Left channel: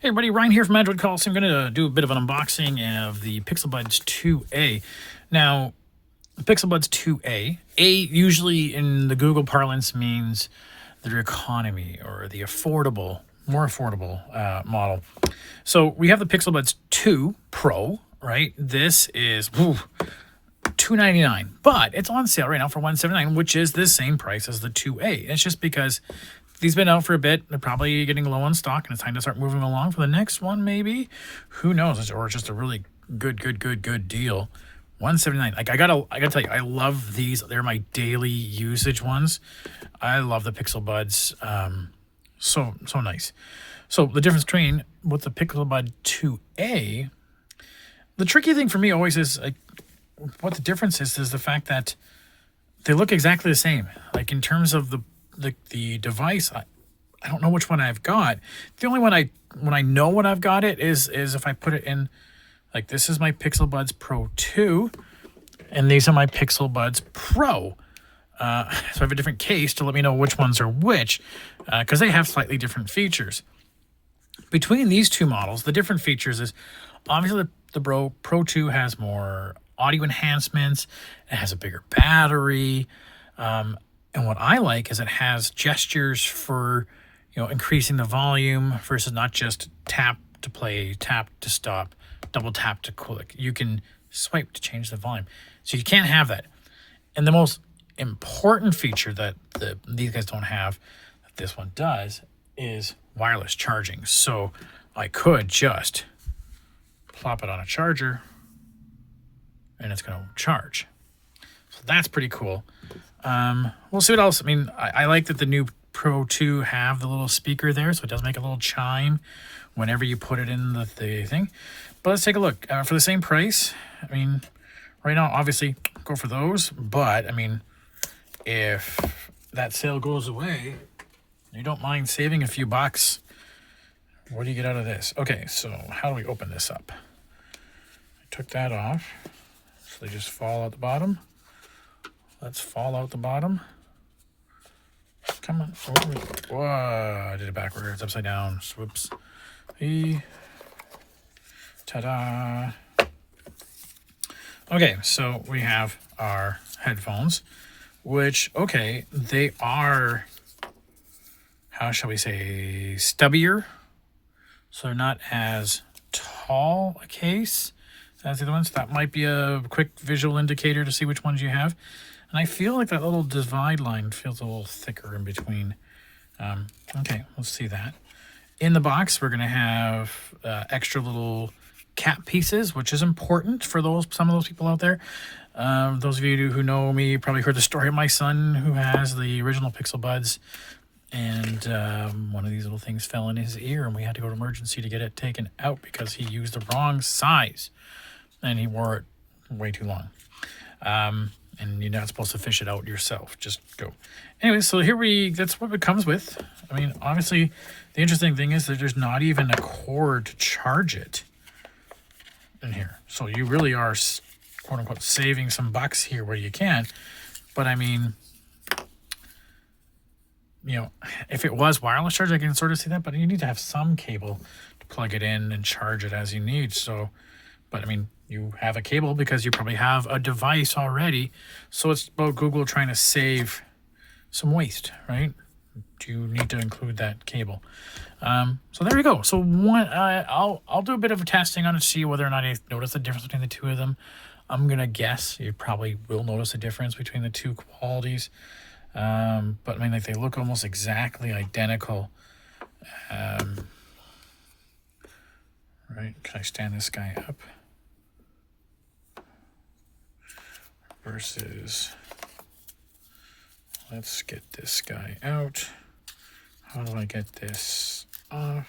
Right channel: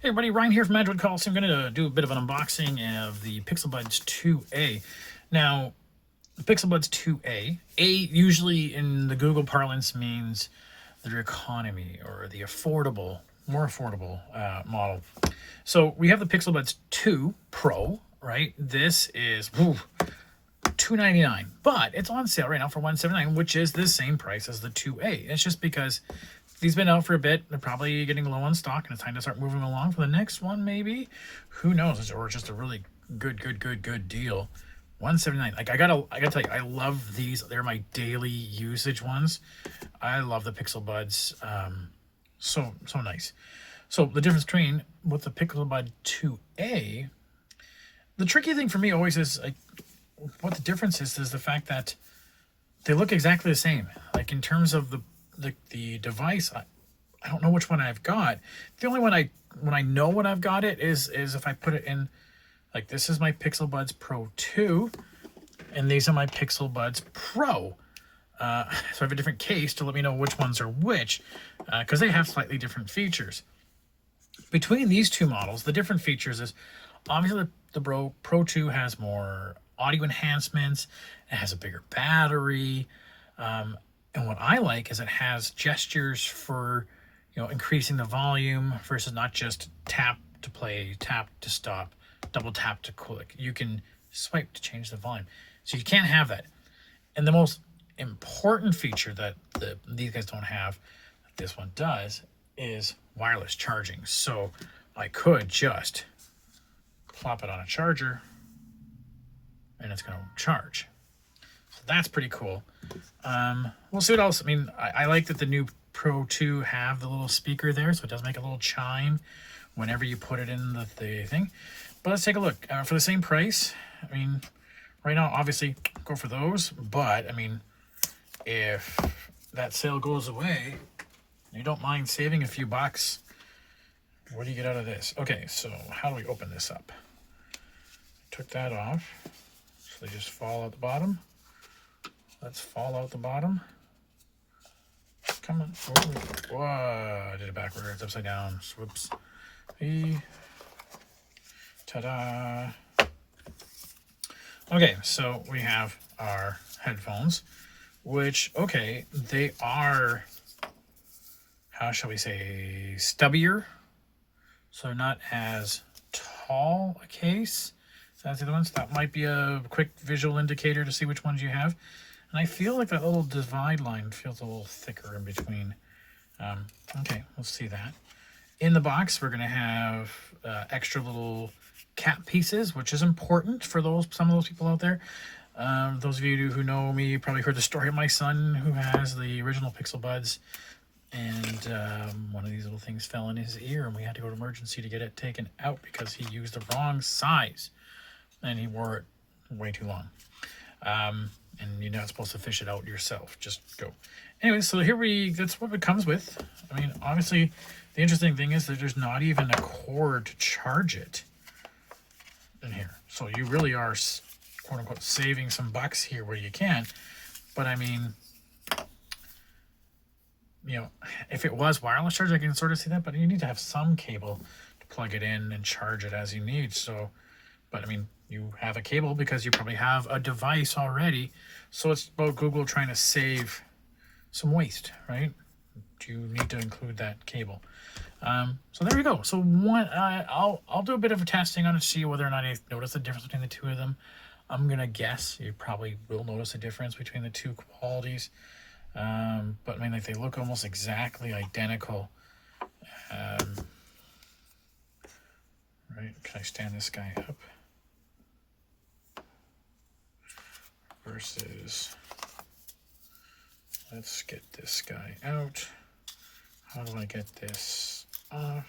Hey everybody, Ryan here from Android Coliseum. I'm going to do a bit of an unboxing of the Pixel Buds 2a. Now, the Pixel Buds 2a, A usually in the Google parlance means their economy or the affordable, more affordable model. So we have the Pixel Buds 2 Pro, right? This is $299, but it's on sale right now for $179, which is the same price as the 2a. It's just because these been out for a bit. They're probably getting low on stock, and it's time to start moving along for the next one, maybe. Who knows? Or just a really good deal. $179. Like I gotta tell you, I love these. They're my daily usage ones. I love the Pixel Buds. So nice. So the difference between with the Pixel Bud 2a, the tricky thing for me always is like what the difference is the fact that they look exactly the same. Like in terms of the device, I don't know which one I've got. The only one when I know what I've got it is if I put it in, like this is my Pixel Buds Pro 2, and these are my Pixel Buds Pro. So I have a different case to let me know which ones are which, because they have slightly different features. Between these two models, the different features is obviously the Pro 2 has more audio enhancements. It has a bigger battery. And what I like is it has gestures for, increasing the volume versus not just tap to play, tap to stop, double tap to click. You can swipe to change the volume. So you can't have that. And the most important feature that these guys don't have, that this one does, is wireless charging. So I could just plop it on a charger and it's going to charge. So that's pretty cool. We'll see what else. I mean, I like that the new Pro 2 have the little speaker there, so it does make a little chime whenever you put it in the thing. But let's take a look. For the same price, I mean, right now, obviously, go for those. But, I mean, if that sale goes away, you don't mind saving a few bucks, what do you get out of this? Okay, so how do we open this up? I took that off, so they just fall out the bottom. Let's fall out the bottom. Come on. Whoa, I did it backwards. It's upside down. Whoops. Ta-da. Okay, so we have our headphones, which, okay, they are, how shall we say, stubbier. So they're not as tall a case. That's the other ones. That might be a quick visual indicator to see which ones you have. And I feel like that little divide line feels a little thicker in between. Okay, we'll see that. In the box, we're going to have extra little cap pieces, which is important for some of those people out there. Those of you who know me probably heard the story of my son who has the original Pixel Buds. And one of these little things fell in his ear, and we had to go to emergency to get it taken out because he used the wrong size. And he wore it way too long. And you're not supposed to fish it out yourself. Just go. Anyway, so that's what it comes with. I mean, obviously, the interesting thing is that there's not even a cord to charge it in here. So you really are, quote unquote, saving some bucks here where you can. But I mean, if it was wireless charge, I can sort of see that, but you need to have some cable to plug it in and charge it as you need. So, but I mean, you have a cable because you probably have a device already. So it's about Google trying to save some waste, right? You need to include that cable. So there we go. So I'll do a bit of testing on it to see whether or not you notice the difference between the two of them. I'm going to guess you probably will notice a difference between the two qualities. But I mean, like they look almost exactly identical. Right? Can I stand this guy up? Versus, let's get this guy out. How do I get this off?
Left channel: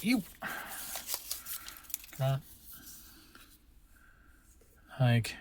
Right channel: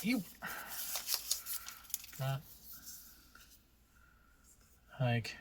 You, come on. Like